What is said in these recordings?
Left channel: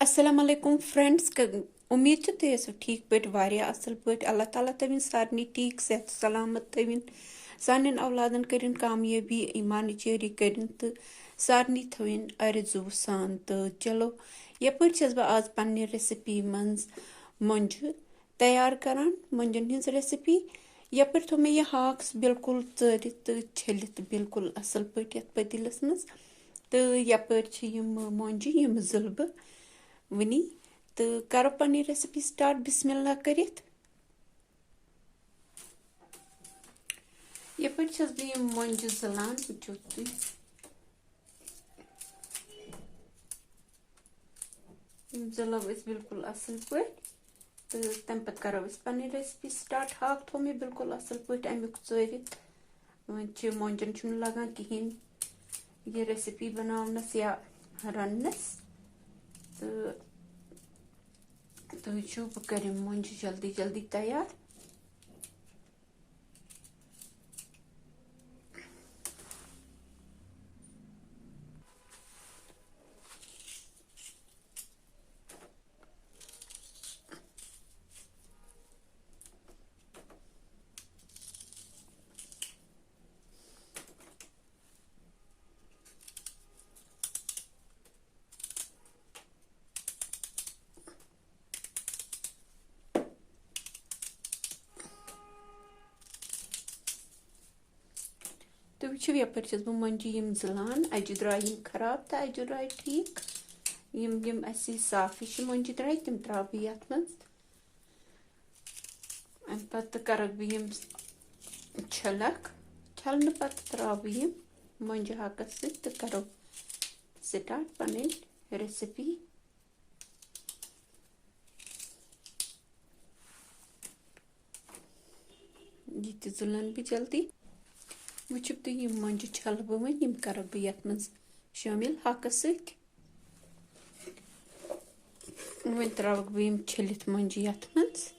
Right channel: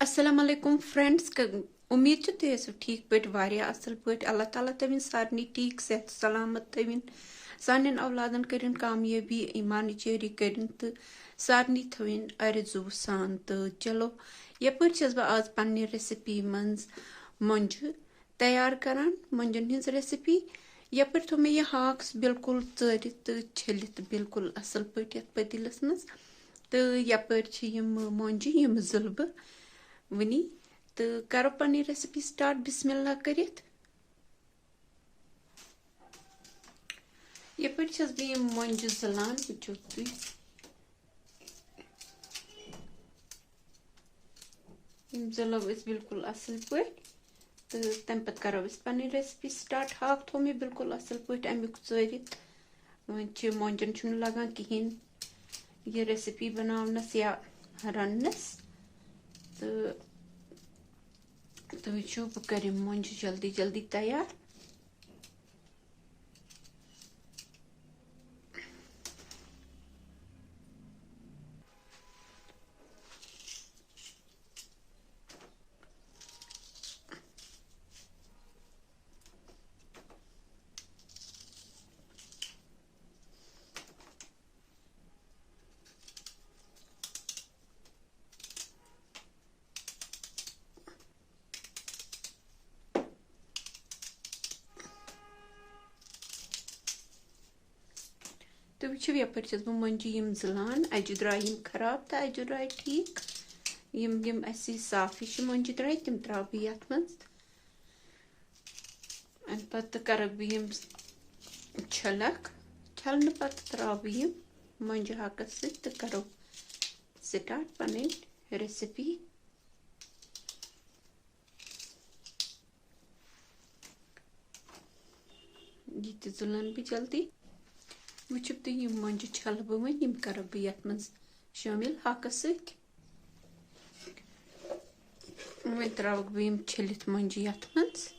अस्सलाम वालेकुम फ्रेंड्स उम्मीद छ तुम ऐसो ठीक पट वारिया असल पट अल्लाह ताला तविन सारनी ठीक सेहत सलामत तविन सानन औलादन करिन कामयाबी ईमान चेरी करिन तो सारनी थविन अर्जु सान तो चलो यपर छस बह आज पन्ने रेसिपी मंज मंज तैयार करान मंजन हिंस रेसिपी यपर थो मे यह हाक्स बिल्कुल चरित तो छलित बिल्कुल असल पट यत पतिलस मज तो यपर छ यम मंज यम जुलब वनी तो करो पन्नी रेसिपी स्टार्ट बिस्मिल्लाह करित यपर छस बह यम मंज जलान वुचो तुई यम जलब अस बिल्कुल असल पट तो तम पत करो अस पन्नी रेसिपी स्टार्ट हाक थो मे बिल्कुल असल पट अमुक चरित वन छ मंजन छुन लगान कहिन ये रेसिपी बनावनस या रनस तो वुचो बह कर मंज जल्दी जल्दी तैयार तो वो यपर छस बह मंजी यम जलान अजु द्राय यम खराब तो अजु द्राय ठीक यम यम ऐसी साफिश मंजी द्राय तम त्रा बह यथ मज अम पत करक बह यम छलक छलन पत त्रा बह यम मंज हाकस तो करो स्टार्ट पन रेसिपी ये जुलन भी जल्दी वुचो तुम यम मंज छल बह वन यम कर बह यथ मज शामिल हाकस वन त्रावक बह यम छलित मंज यथ मज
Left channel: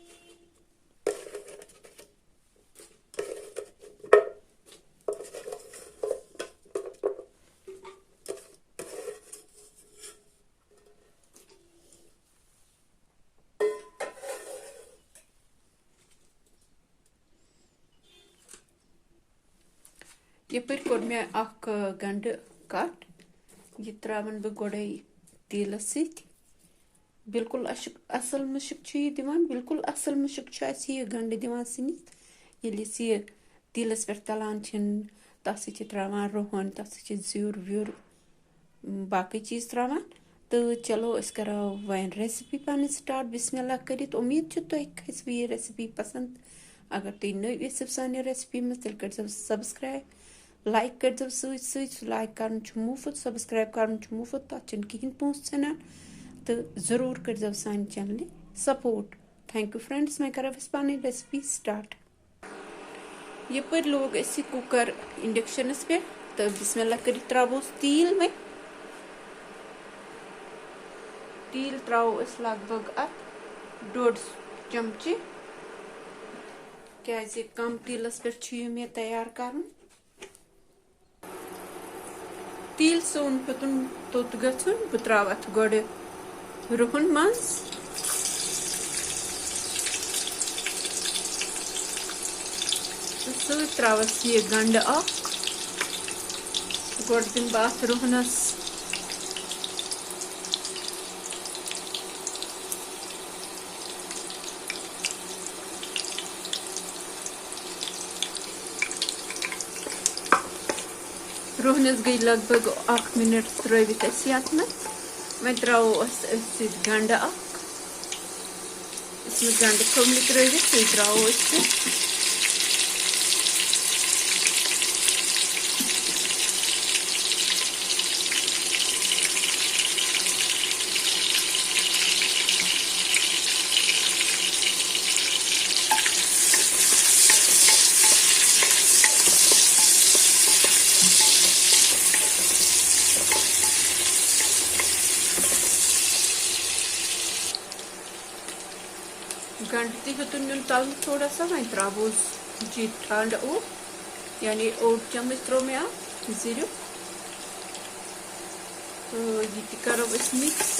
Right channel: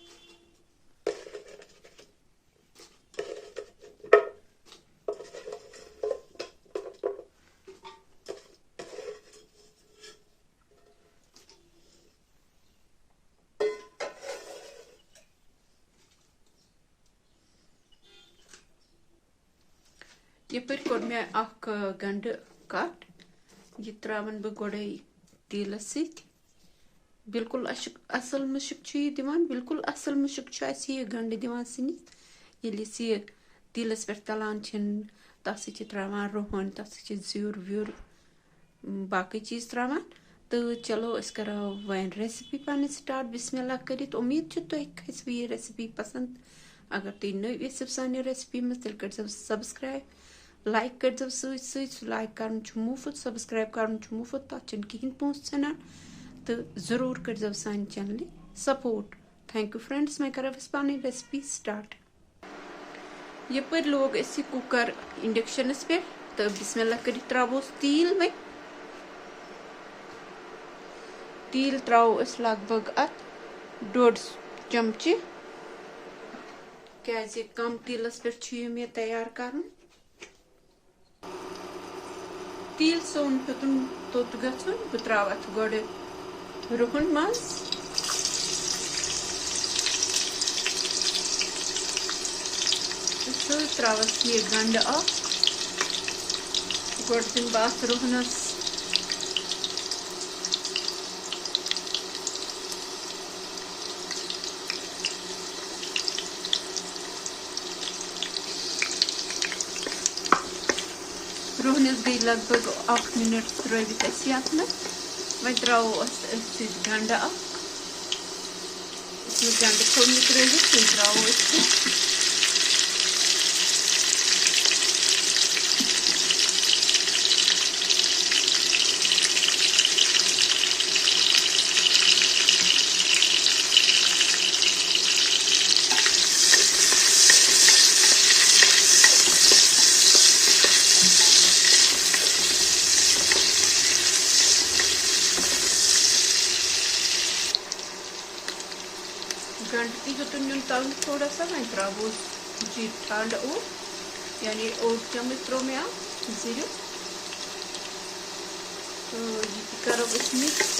यपर कोर मे अख गंड कट यह त्रावन बह गोड़े तेलस बिल्कुल असल मुशक दिवान बिल्कुल असल मुशक यह गंड दिवान सनिस ये तेलस पे तलान तथ त्रावान रोहन तथ ज्यूर व्यूर बाकी चीज त्रावान तो चलो अस करो वन रेसिपी पन स्टार्ट बिस्मिल्लाह करित उम्मीद छ तुह खसव यह रेसिपी पसंद अगर तुम नव यू सान रेसिपी मज तेल कर सब्सक्राइब लाइक कर लाइक कर मुफ्त सब्सक्राइब कर मुफ्त तथ कहें पोस सन तो जरूर कर सान channel support thank you friends मैं कर पन रेसिपी स्टार्ट यपर लोग अस कुकर इंडक्शनस पे तो बिस्मिल्लाह कर त्रावोस तील वे तील त्रावो अस लगभग अत 1.5 चमचे क्या कम तीलस पे मे तैयार कर तील सोन पुतुन तोत गन बह त्राव अत गोड़े रुहन मज त्रावस यह गंड गोड़ दिन बह रुहनस रोहनस गई लगभग 1 मिनट त्रवित यथ मे वो त्रो गंड गंड थोन त्रवित वो त्रो गंड ती तल थोड़ा सा वो त्रावोस जी ठंड यानी 8 चम्मच त्रो मे जीर तो ये करो मिक्स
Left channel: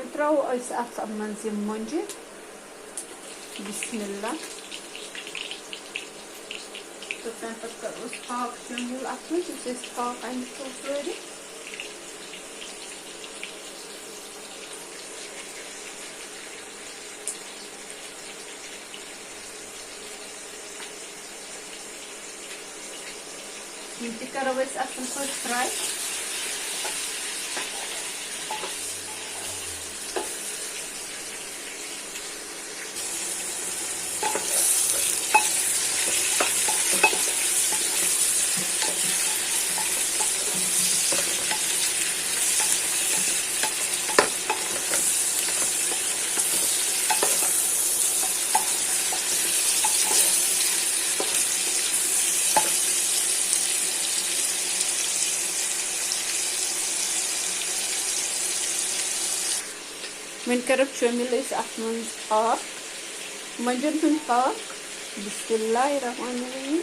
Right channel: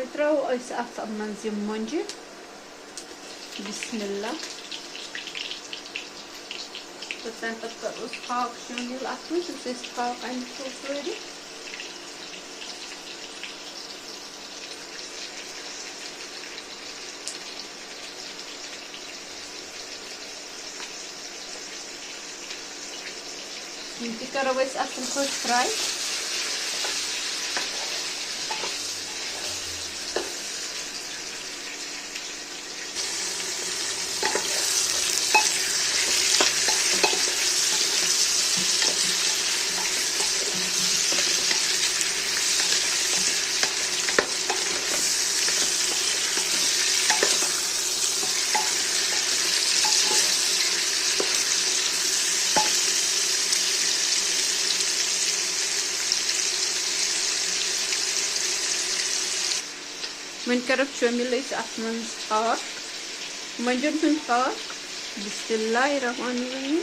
वह त्रो अत मज मुंजे बिस्मिल्लाह तो तम पे करो हाक शामिल अत हाक अमे सारी करो असल पे फ्राई वन कर शामिल अत हाक मंजन हूं हाक बिस्मिल्लाहिर्रहमानिर्रहीम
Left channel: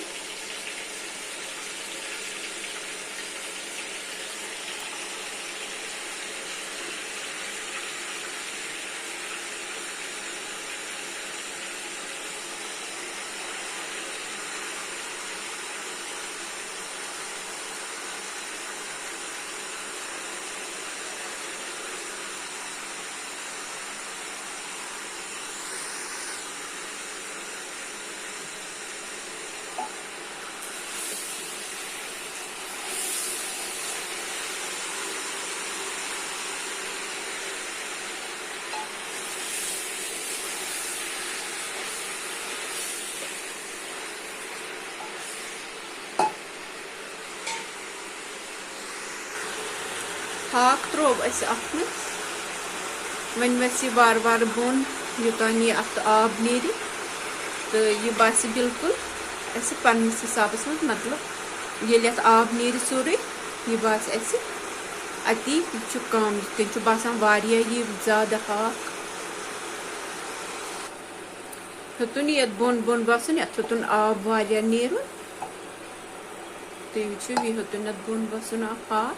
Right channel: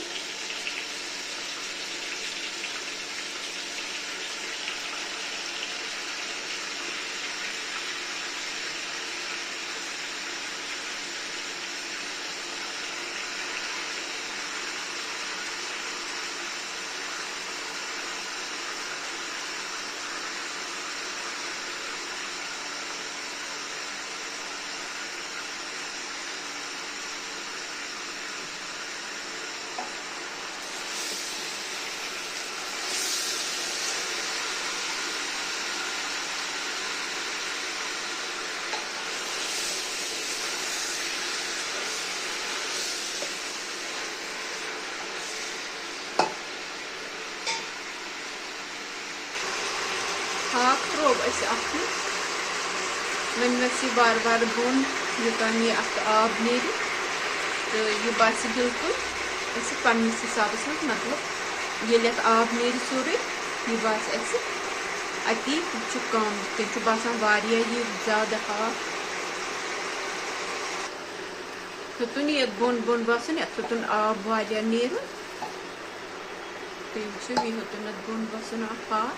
हाक त्रो वन वस वार वार बोन योतान यह अत आब नीर तो यह बास बिल्कुल पन्नस हिसाब मतलब ये आब नीर सोरे यह बास अति कम तुम बसान यह ज्यादा हाक हेतुन ये बोन बोन बसान ये हेतुन आब वारिया नीर तो यह हेतुन बोन बसान हाक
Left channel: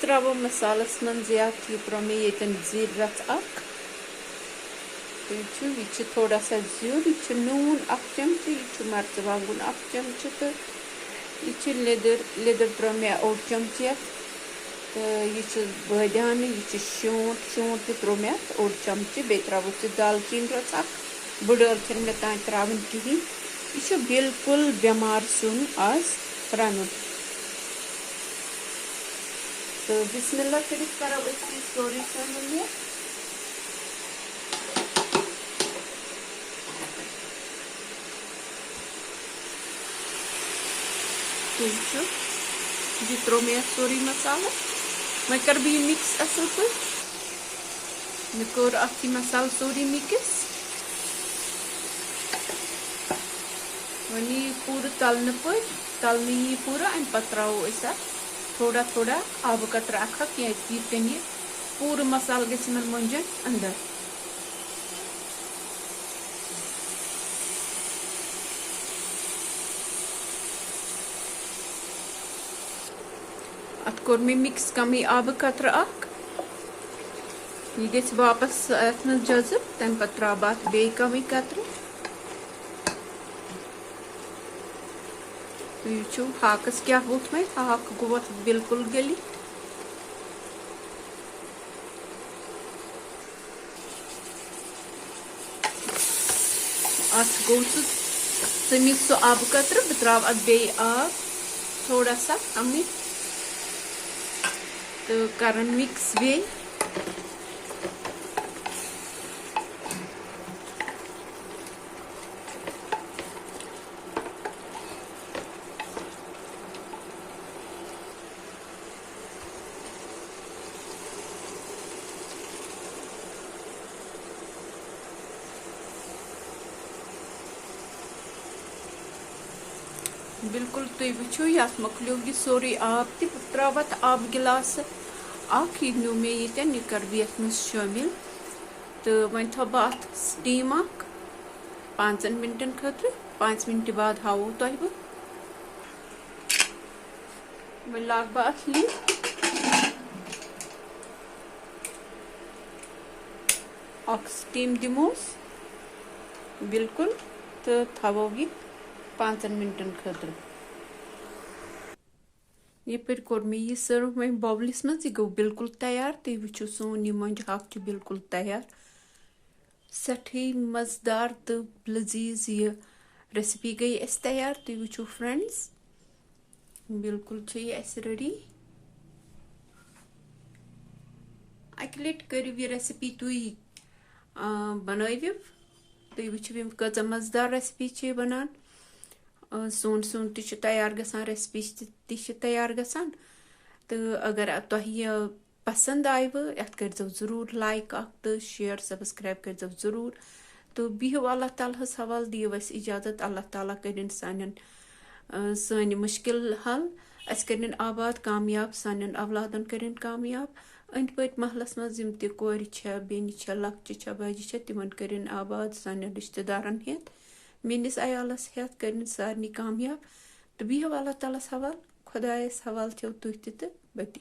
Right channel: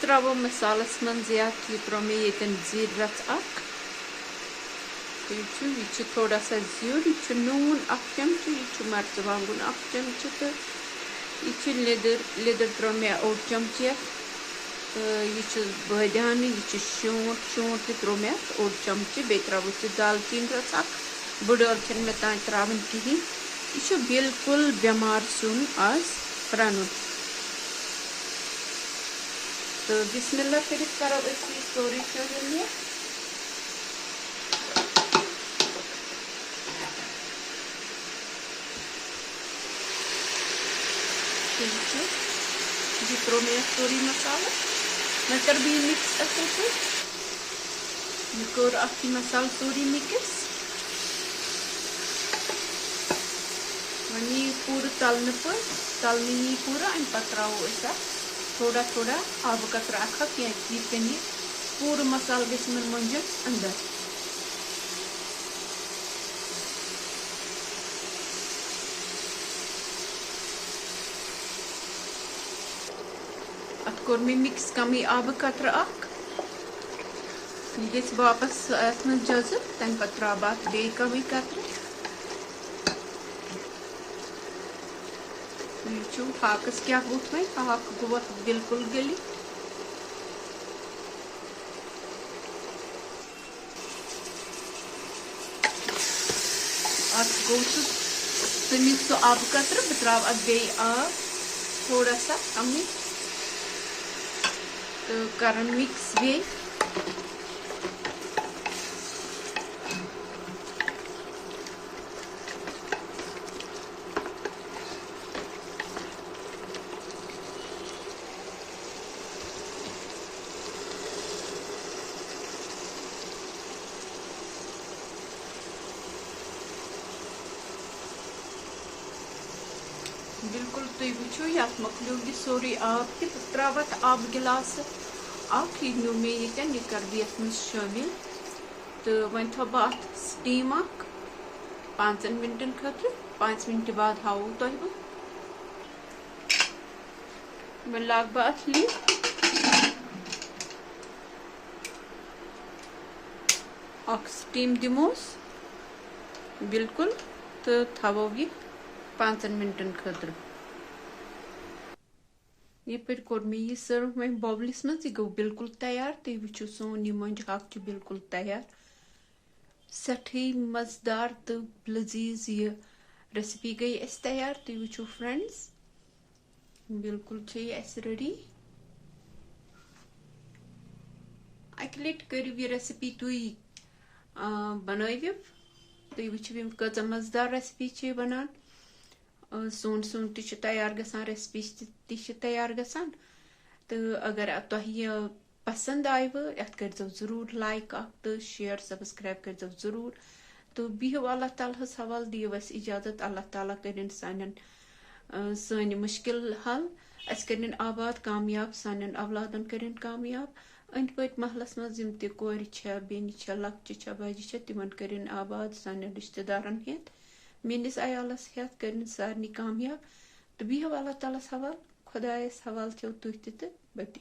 त्रो मसालस मन यह त्रो मे ये जीर रच यह थोड़ा सा जीर यह नून अख चमच यह मर्चवांगुन अख चमच तो यह लिदर त्रो मे ओड चमच तो यह बदान यह शोट शोट त्रो मे ओड चमच बे त्रोस दालचीन रच बड़ ٲlखन मे तान त्रावन कहें यह बिल्कुल बेमार सुन आज रन तो बिस्मिल्लाह कर सोरी शामिल यह त्रो मे सोरी मसाला मैं कर भी मिक्स असल पे मैं कर अत मसाल सोरी मिक्स वन यह पूरा तलने पे तलने यह पूरा अम पे त्रो थोड़ा थोड़ा आब कतर अख यह पूरा मसाल गन मुंजन अंदर अत कोर मे मिक्स कम आब कतर अख यह गस वापस अत मज जजब तम पे त्रा अत बे कम कतर यह हाकस क्या वोत मे हाक गो बिल्कुल गली अत गो तमिक सो आब कतर बह त्रा अत बे आब थोड़ा सा कम तो कर मिक्स बे बिल्कुल तुम वो ये मकलो यह सोरी आब त्रा आब गिलास यह नो मे ये कर बह मज शामिल तो वन थो बह अत स्टीम 5 मिनटन खतर 5 मिनट बाद हावो तुह बह वह लाग बह अथ लिड स्टीम दिमोस बिल्कुल तो थवो यह 5 मिनटन खतर ये कोर मे यह सर्व वह बॉबलिस मज यह गो बिल्कुल तैयार तुम वो सोन यह मंज हाक बिल्कुल तैयार सठी मजेदार तो लजीज यह रेसिपी गई तैयार तुम वो फ्रेंड्स बिल्कुल रेडी अक लट करो यह रेसिपी तुम बनविव तुम वो कच मजेदार रेसिपी बनान सोन सोन तैयार गसान रेसिपी तैयार गसान तो अगर तुह यह पसंद आयव अत कर जरूर लाइक तो शेयर सब्सक्राइब कर जरूर तो बिहु अल्लाह ताला हवाल दियो अस इजाजत अल्लाह ताला कर सान मुश्किल हल अस कर आबाद कामयाब सान औलादन कर कामयाब अंद पत महलस मज कोर बेन लक्चि बजि तिमन कर आबाद सान रिश्तेदारन हेत मेनिस अयालस हेत कर सारे कामयाब तो बिहु अल्लाह ताला हवाल खुदायस हवाल छो तुह तो बति।